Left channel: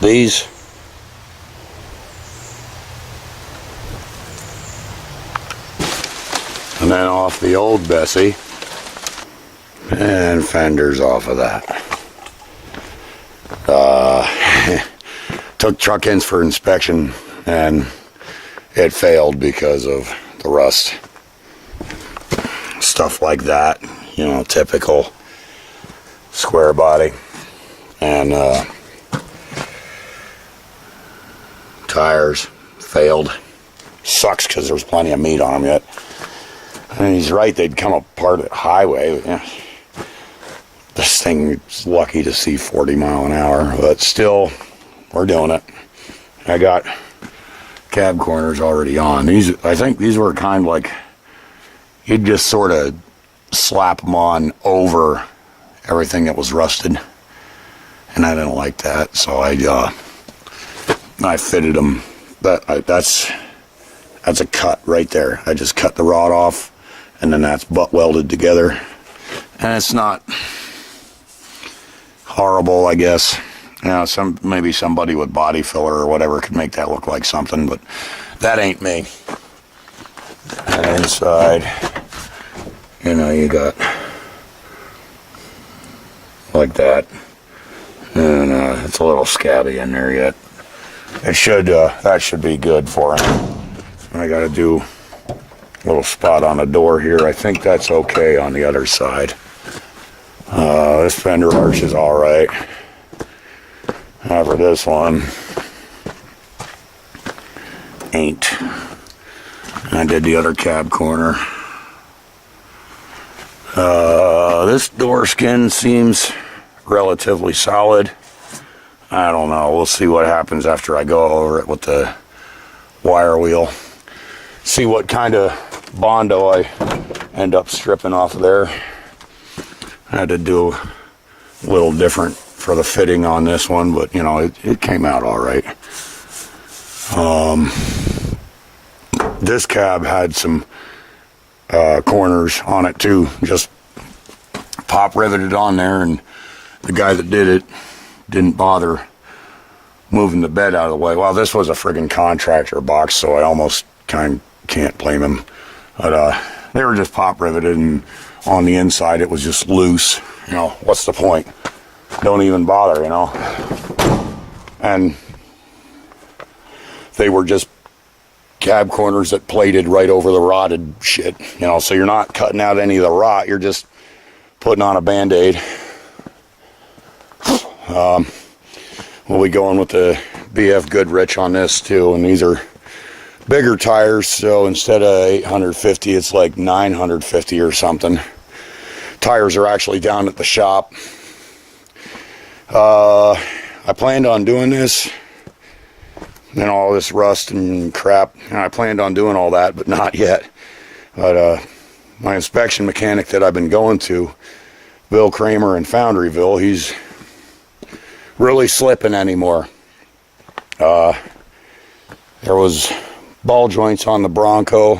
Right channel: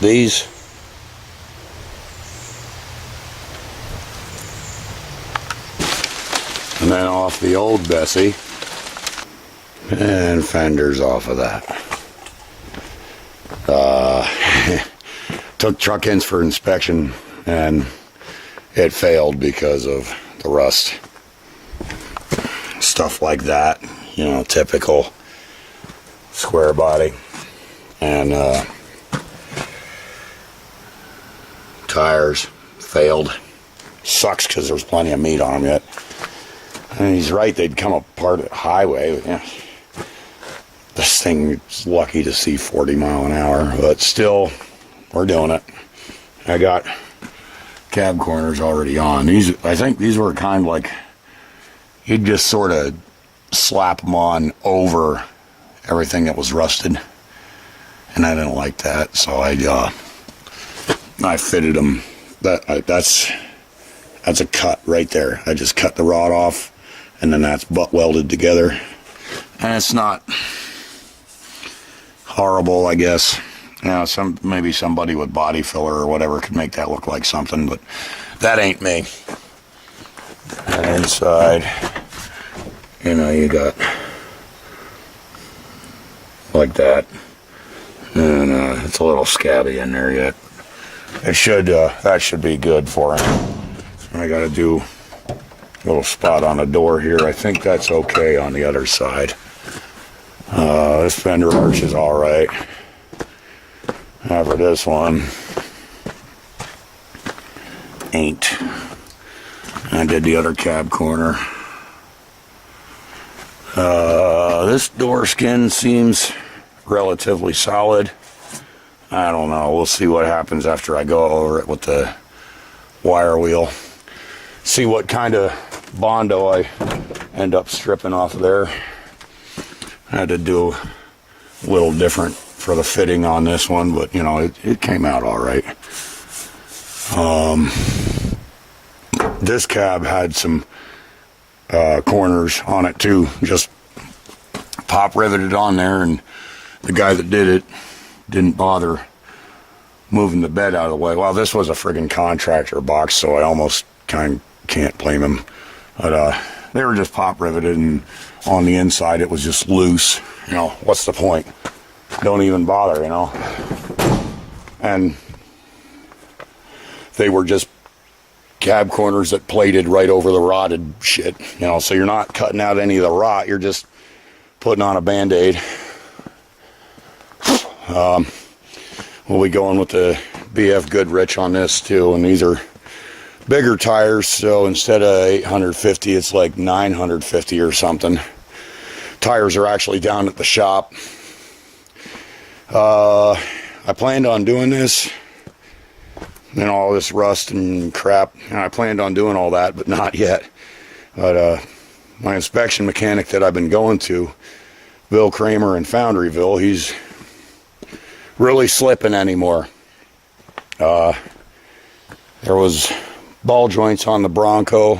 these. And then off the old Bessie. And fenders off of that. Took truck ends for inspection and it failed because of the rust. Stuff like that, you know, typical square body. And tires failed. Sucks because there's plenty of meat on them yet. And he's right, they'd come apart at highway. Yeah. This thing is lucky to see 40 mile an hour, but still, we're doing it. I got cab corners already on. These, I think these were kind of like, you'd just sort of slap them on over everything that was rusted. And I didn't like that, so I fitted them. That's a cut right there. I just cut the rod off, and then that's butt welded together. And it's not horrible, I guess. You know, maybe somebody with body filler or whatever could make that look like something, but that ain't me. And inside, you know, you got like that. And it's a little scabby in there yet. It should, that should be good for him. I gotta do a little spot on the door here. I think that's okay on the other side. This fender arch is alright. However, this one ain't. I did the other cab corner. This door skin seems relatively solid. I don't know. We'll see what happens after I go over it with the wire wheel. See what kind of Bondo I end up stripping off of there. I had to do a little different for the fitting on this one, but you know, it came out all right. This cab had some corners on it too, just pop riveted on there, and the guy that did it didn't bother moving the bed out of the way. Well, this was a friggin' contractor box, so I almost can't blame him. But they were just pop riveted, and on the inside it was just loose. You know, what's the point? Don't even bother, you know. And they were just cab corners that plated right over the rotted shit, you know, so you're not cutting out any of the rot, you're just putting on a Band-Aid. We'll be going with the BF Goodrich on this too, and these are bigger tires, so instead of 850 it's like 950 or something. Tires are actually down at the shop. I planned on doing this and all this rust and crap, and I planned on doing all that, but not yet. But my inspection mechanic that I've been going to, Bill Kramer in Foundryville, he's really slipping anymore. There was ball joints on the Bronco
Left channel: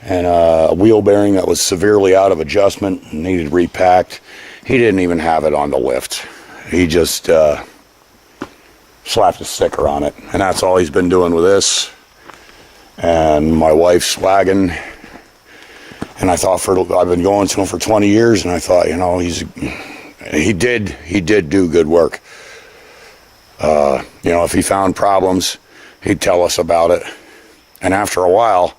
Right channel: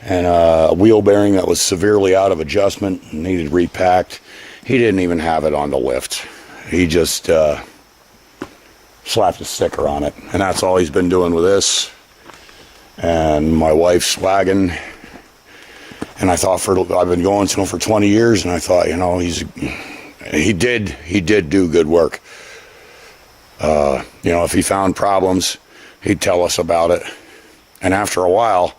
and a wheel bearing that was severely out of adjustment and needed repacked. He didn't even have it on the lift. He just slapped a sticker on it, and that's all he's been doing with this and my wife's wagon. And I thought, I've been going to him for 20 years, and I thought, you know, he did do good work. You know, if he found problems, he'd tell us about it, and after a while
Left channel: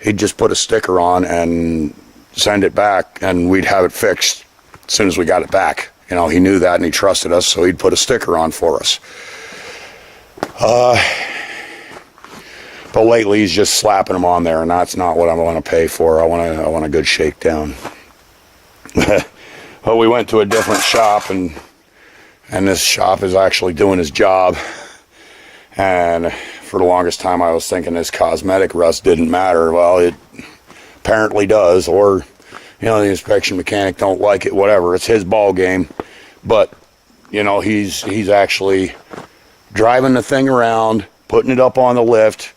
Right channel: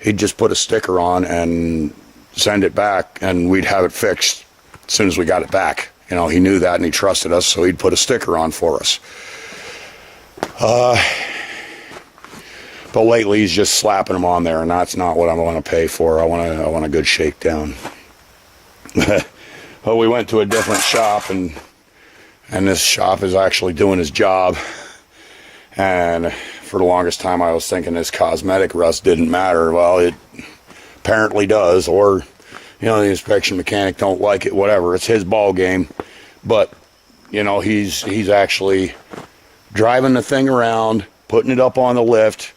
he'd just put a sticker on and send it back, and we'd have it fixed as soon as we got it back. You know, he knew that, and he trusted us, so he'd put a sticker on for us. But lately he's just slapping them on there, and that's not what I want to pay for. I want a good shakedown. Well, we went to a different shop, and this shop is actually doing his job. And for the longest time I was thinking this cosmetic rust didn't matter. Well, it apparently does, or you know, the inspection mechanic don't like it, whatever. It's his ball game. But you know, he's actually driving the thing around, putting it up on the lift,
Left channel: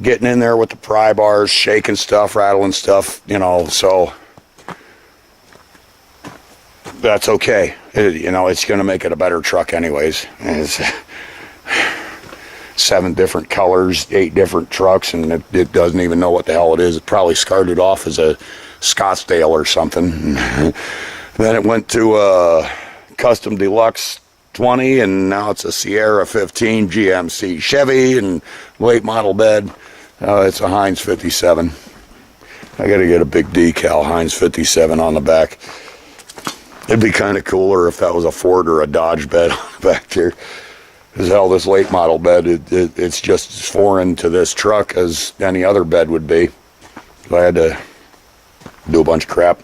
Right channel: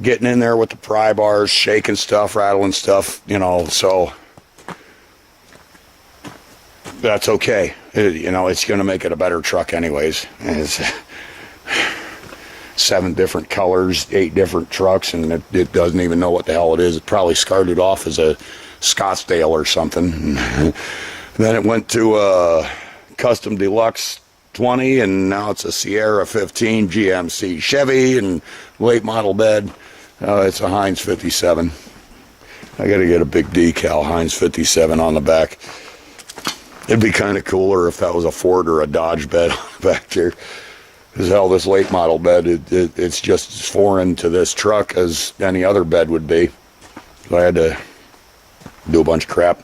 getting in there with the pry bars, shaking stuff, rattling stuff, you know, so that's okay. You know, it's going to make it a better truck anyways. 7 different colors, 8 different trucks, and it doesn't even know what the hell it is. It probably started off as a Scottsdale or something. Then it went to a Custom Deluxe 20, and now it's a Sierra 15 GMC Chevy and late model bed. It's a Heinz 57. I got to get a big decal Heinz 57 on the back. It'd be kind of cooler if that was a Ford or a Dodge bed back here. Because hell, this late model bed, it's just as foreign to this truck as any other bed would be. So I had to do a bunch of crap.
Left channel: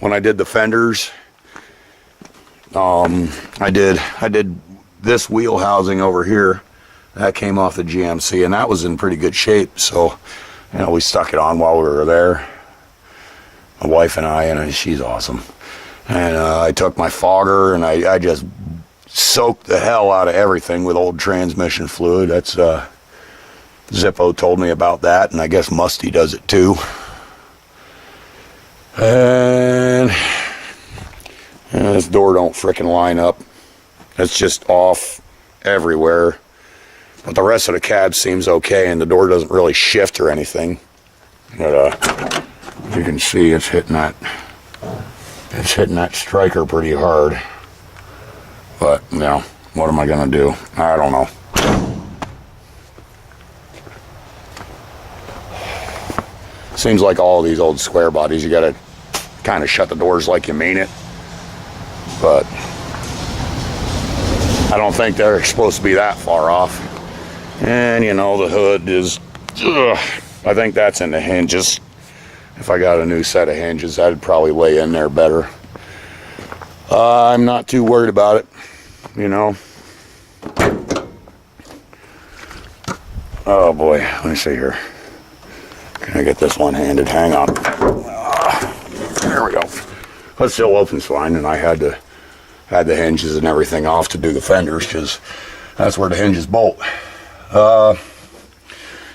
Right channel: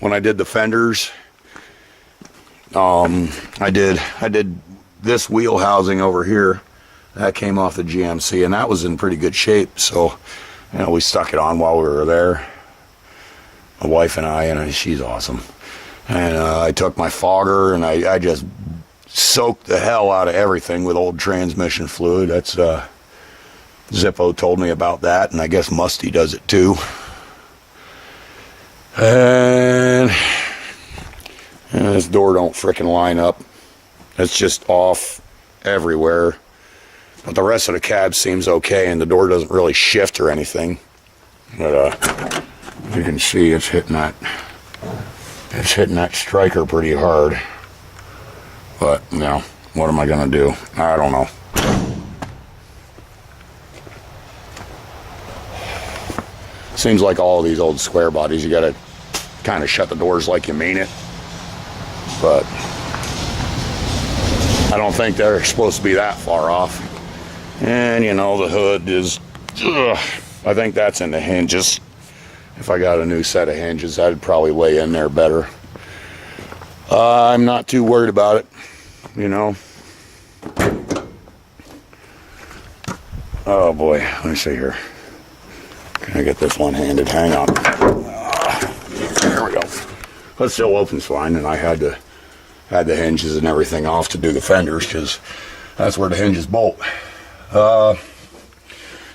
When I did the fenders, I did this wheel housing over here. That came off the GMC, and that was in pretty good shape. So, you know, we stuck it on while we were there. My wife and I, and she's awesome. And I took my fogger, and I just soaked the hell out of everything with old transmission fluid. That's Zippo told me about that, and I guess Musty does it too. And this door don't frickin' line up. It's just off everywhere. But the rest of the cab seems okay, and the door doesn't really shift or anything. But you can see it's hitting that striker pretty hard. But, you know, what am I gonna do? I don't know. Seems like all of these old square bodies, you gotta kind of shut the doors like you mean it. But I don't think they're supposed to be that far off. And, you know, the hood is, I think that's in the hinges. If I got a new set of hinges, I'd probably lay in there better. I'm not too worried about it, you know. Oh boy, let me see here. Can I get this one-handed? Hang on. There we go. But still opens fine, and I had the hinges and everything off to do the fenders, because that's where the hinges bolt.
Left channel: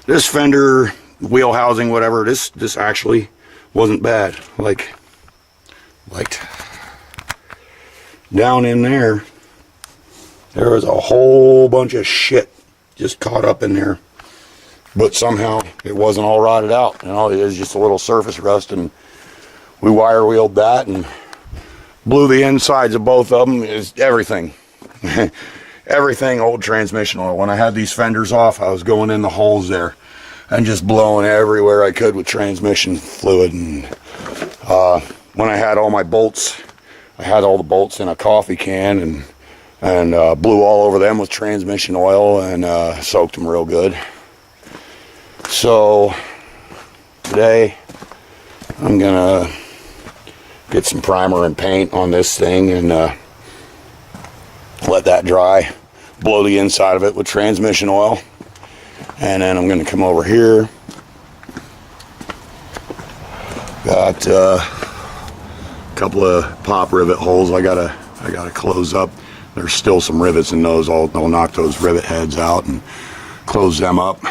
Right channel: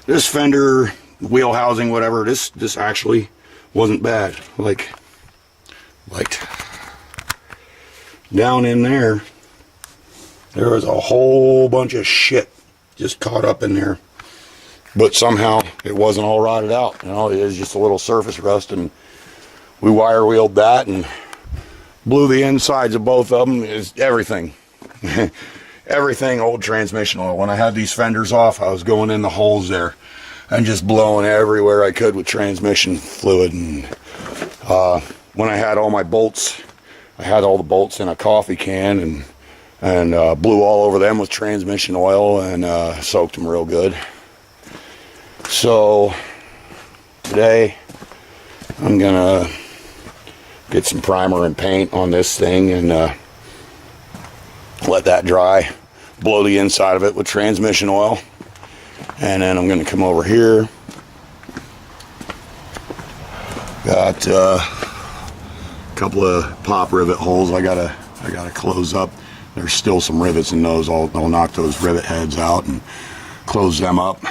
This fender, wheel housing, whatever, this actually wasn't bad. Like down in there was a whole bunch of shit just caught up in there. But somehow it wasn't all rotted out. You know, it was just a little surface rust, and we wire wheeled that and blew the insides of both of them. Is everything. Everything old transmission oil. When I had these fenders off, I was going in the holes there and just blowing everywhere I could with transmission fluid. And when I had all my bolts, I had all the bolts in a coffee can and blew all over them with transmission oil and soaked them real good. So today I'm gonna get some primer and paint on this thing and let that dry, blow the inside of it with transmission oil, and then I'm gonna come over here. Got a couple of pop rivet holes I gotta close up. There's still some rivets in those. I'll knock those rivet heads out and close them up.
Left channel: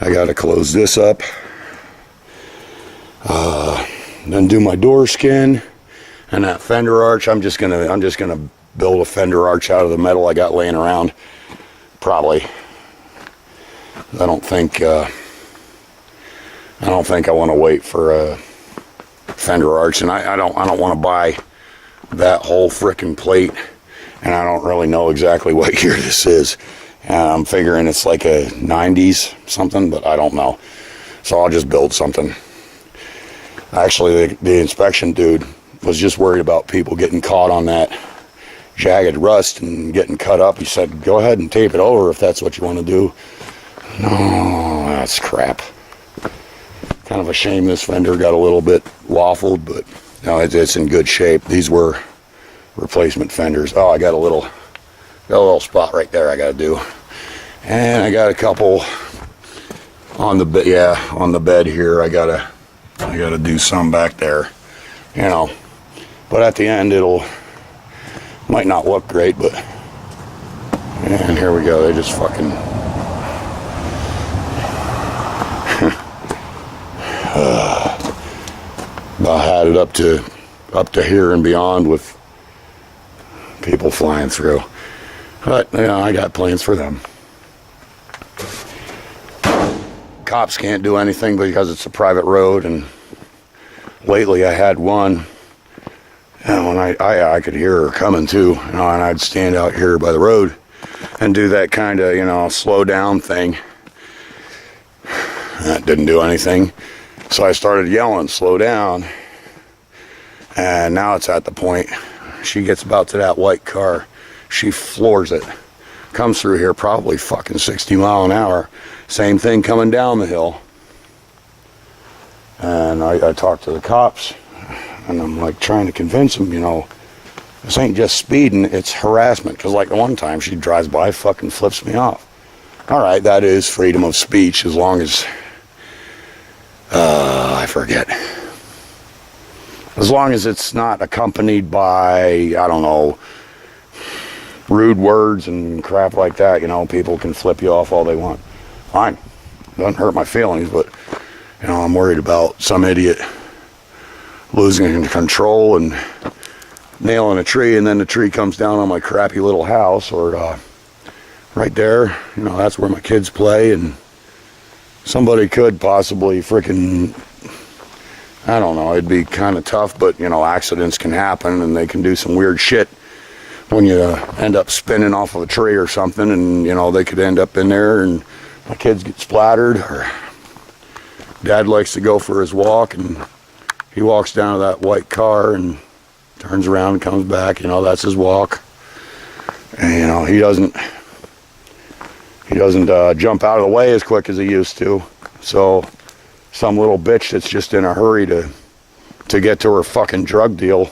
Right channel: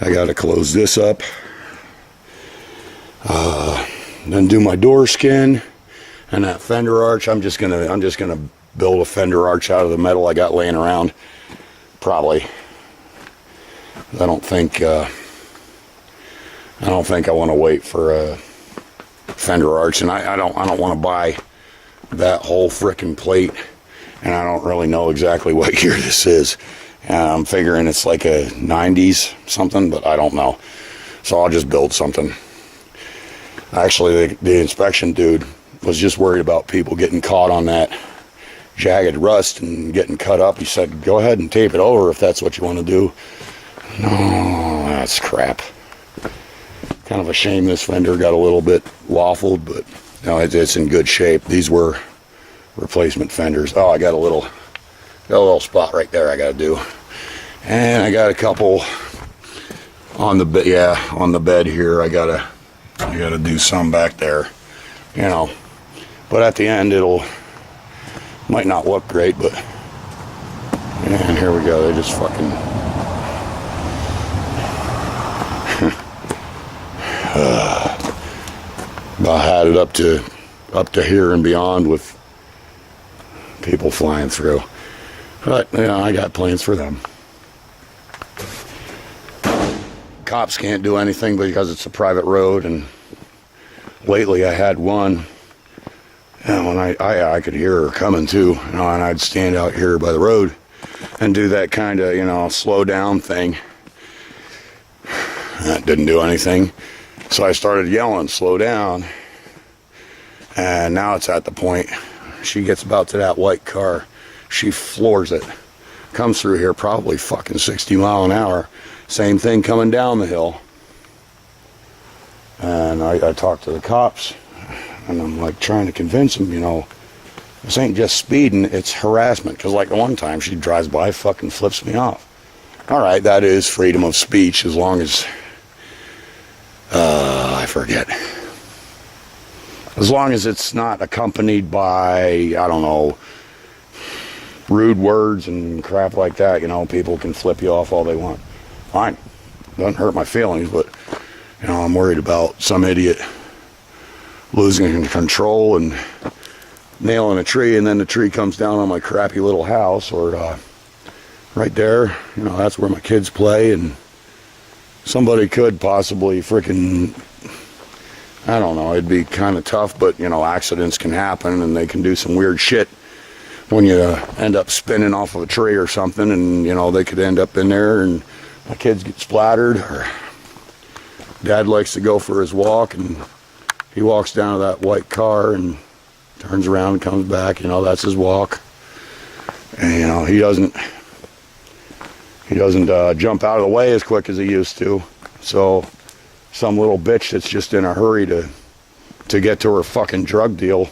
I gotta close this up. Then do my door skin and that fender arch. I'm just gonna build a fender arch out of the metal I got laying around. Probably. I don't think I want to wait for a fender arch, and I don't want to buy that whole frickin' plate, and I don't really know exactly what year this is. I'm figuring it's like a 90s something, but I don't know. So I'll just build something. Actually, the inspection dude was just worried about people getting caught on that jagged rust and getting cut up. He said, go ahead and tape it over if that's what you want to do. No, that's crap. Kind of a shame this fender got a little bit waffled, but no, it's in good shape. These were replacement fenders. Oh, I got a little spot right there I got to do. And I got a couple on the bed. Yeah, on the bed here. I gotta do some back there, you know. But at the end, might not look great, but yeah, and here we go. They just fucking I had it up to here and beyond with people flying through. But, you know, I got plans for them. Cops can't do anything because it's a private road, and lately I had one, and I could hear her coming too, you know, and I'd stand out here by the road and do that kind of, you know, slow down thing. That didn't do anything. So I started yelling, slow down. And now it's at the point, she gets about to that white car, she floors it. Comes through here probably fucking 60 mile an hour. Same thing coming down the hill. And I talked to the cops, and I'm like trying to convince them, you know, this ain't just speeding, it's harassment. Because like the one time she drives by, fucking flips me off. All right, that is freedom of speech as long as, I forget. As long as it's not accompanied by, I don't know, rude words and crap like that, you know, people can flip you off all they want. Fine. Doesn't hurt my feelings, but, you know, I'm worried about some idiot losing control and nailing a tree, and then the tree comes down on my crappy little house, or right there, you know, that's where my kids play, and somebody could possibly freaking, I don't know, it'd be kind of tough, but, you know, accidents can happen, and they can do some weird shit when you end up spinning off of a tree or something, and, you know, they could end up in there, and my kids get splattered, or Dad likes to go for his walk, and he walks down to that white car and turns around and comes back, you know, that's his walk. And, you know, he doesn't jump out of the way as quick as he used to. So some little bitch that's just in a hurry to get to her fucking drug deal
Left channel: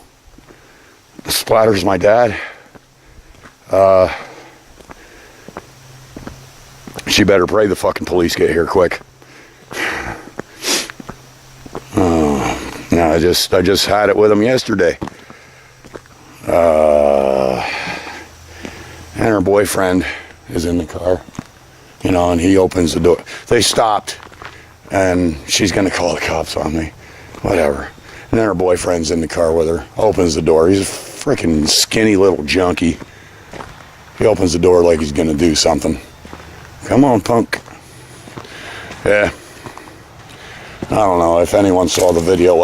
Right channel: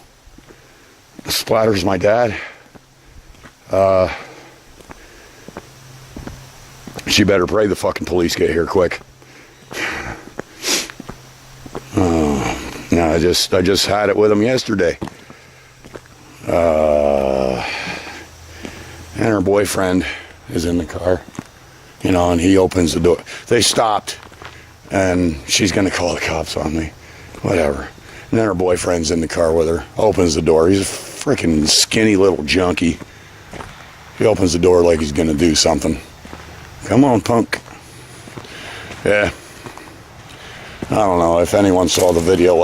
splatters my dad. She better pray the fucking police get here quick. No, I just had it with him yesterday. And her boyfriend is in the car, you know, and he opens the door. They stopped, and she's gonna call the cops on me, whatever. And then her boyfriend's in the car with her, opens the door. He's a freaking skinny little junkie. He opens the door like he's gonna do something. Come on, punk. Yeah. I don't know if anyone saw the video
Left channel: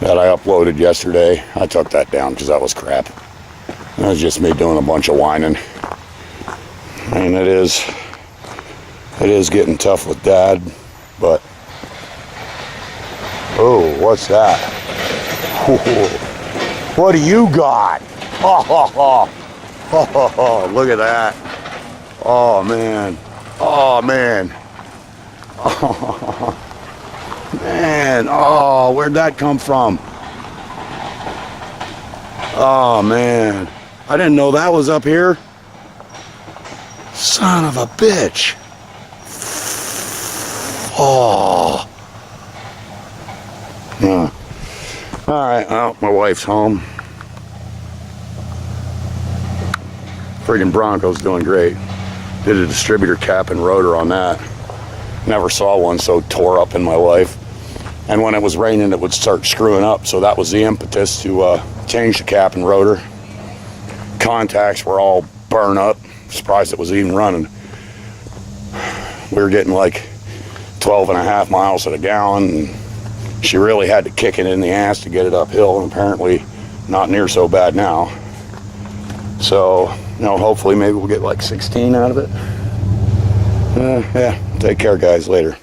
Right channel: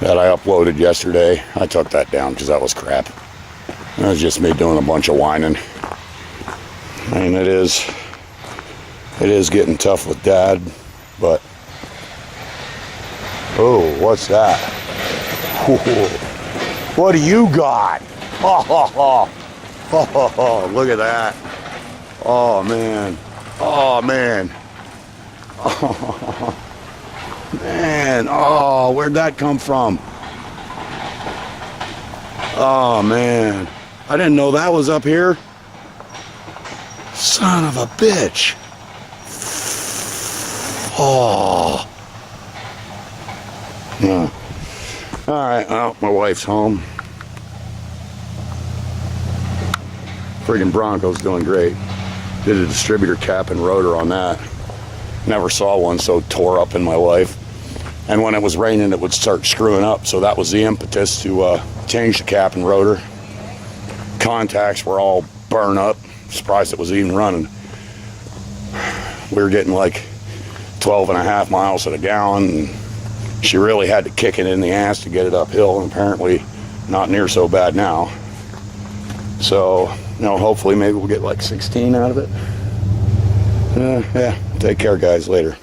that I uploaded yesterday. I took that down because that was crap. That was just me doing a bunch of whining. I mean, it is getting tough with Dad, but oh, what's that? What do you got? Oh, look at that. Oh man. Oh man. Oh man. Oh, where'd that come from? Oh man. I didn't know that was up here. Son of a bitch. Oh. Yeah. All right, well, my wife's home. Friggin' Bronco's doing great. Did a distributor cap and rotor on that. Never saw one so tore up in my life. And when it was raining, it would start screwing up, so that was the impetus to change the cap and rotor. Contacts were all burned up. Surprised it was even running. We were getting like 12.5 miles to the gallon, and she really had to kick it in the ass to get it uphill, and apparently not near so bad now. So, you know, hopefully maybe we'll get like 16 out of it. Yeah, take care, guys. Later.